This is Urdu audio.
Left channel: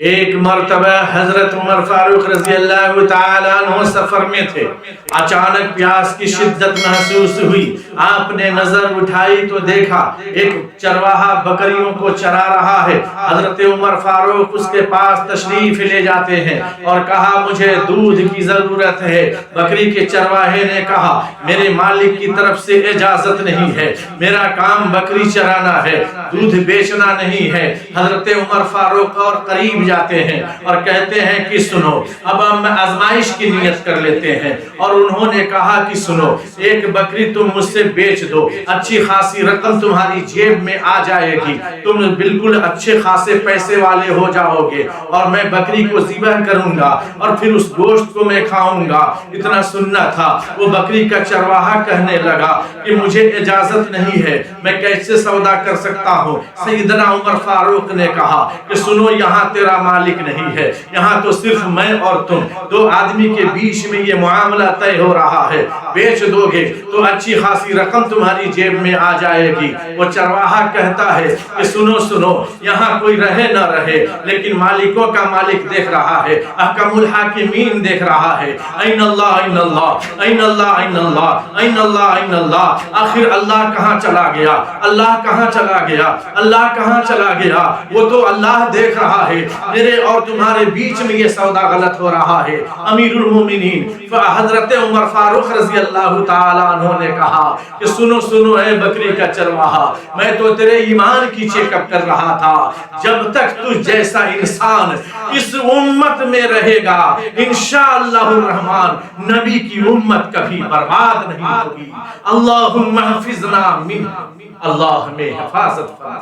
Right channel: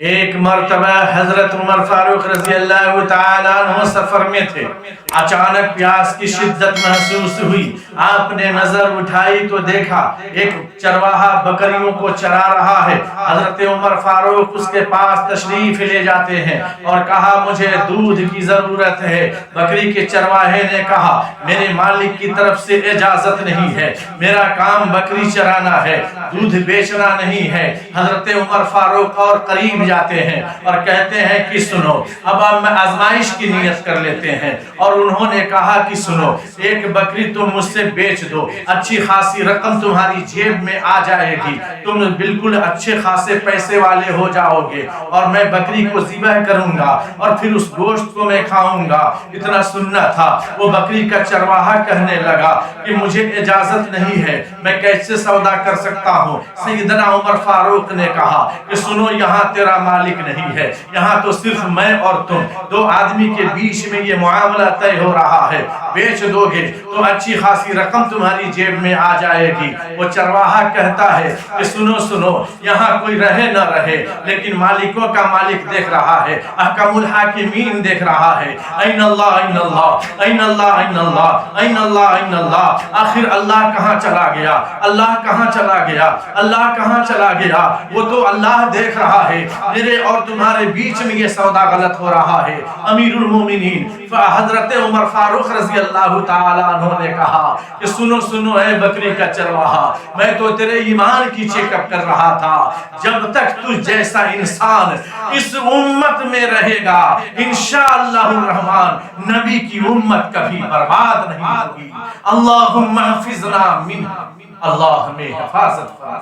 ایک مرتبہ حضرت عمر فاروق رضی اللہ تعالیٰ عنہ سفر میں تھے، اچانک پیاس کی شدت محسوس ہوئی، آپ نے نظر اٹھائی تو دیکھا ایک چرواہا بکریوں کو چرا رہا ہے۔ حضرت عمر فاروق اس کے پاس تشریف لے جاتے ہیں اور کہا مجھے دودھ کی ضرورت ہے۔ بکری کے چرواہے نے کہا میرے مالک کی طرف سے اجازت نہیں ہے، میرا کام بکری چرانا ہے، دودھ بیچنا نہیں ہے۔ حضرت عمر فاروق اور قریب جاتے ہیں اور کہتے ہیں کہ سنو اب ہم آزمائش کی نیت کر لیتے ہیں، اور انہوں نے کہا کہ سنو ایک بکری تم مجھ سے بیچ دو، اچھی خاصی رقم تمہاری جیب میں آ جائے گی، تم بالکل اچھے خاصے پیسے والے ہو جاؤ گے، اور میں بکری کو ذبح کروں گا اور پھر اس گوشت کو میں کھاؤں گا۔ اتنا سننا تھا۔ وہ بکری کا چرواہا کہنے لگا کہ مجھے اجازت نہیں ہے، میں کیسے سودا کر سکتا ہوں؟ سیدنا عمر فاروق نے کہا کہ سنو یہاں تیرا مالک نہیں ہے، یہاں تو صرف میں اور تم دو آدمی کے بیچ میں یہ معاملہ طے ہو رہا ہے، بیچ دو گے تو اچھی خاصی رقم تمہاری جیب میں آ جائے گی۔ وہ چرواہا کہتا ہے کہ سنو سنو یہاں کوئی رہے نہ رہے لیکن مالکوں کا مالک دیکھ رہا ہے، احکم الحاکمین دیکھ رہا ہے، این اللہ این اللہ این اللہ این اللہ این اللہ این اللہ۔ آخر اللہ کہاں چلا گیا؟ اللہ کہاں چلا گیا؟ اللہ کہاں چلا گیا؟ وہ تو اللہ دیکھ رہا ہے، میرے اور تمہارے بیچ میں یہ سودا غلط ہو رہا ہے۔ امیر المومنین حضرت عمر فاروق رضی اللہ تعالیٰ عنہ نے کہا کہ سنو سنو اے بکری کا چرواہا، میں تو تیرے ایمان کی چیک اپ کر رہا تھا، جب تک تجھ جیسا انسان اس امت میں رہے گا انشاءاللہ الرحمن نبی کی امت کبھی برباد نہیں ہوگی۔ اللہم احفظنا منہ، اللہ ہمیں حفاظت فرما۔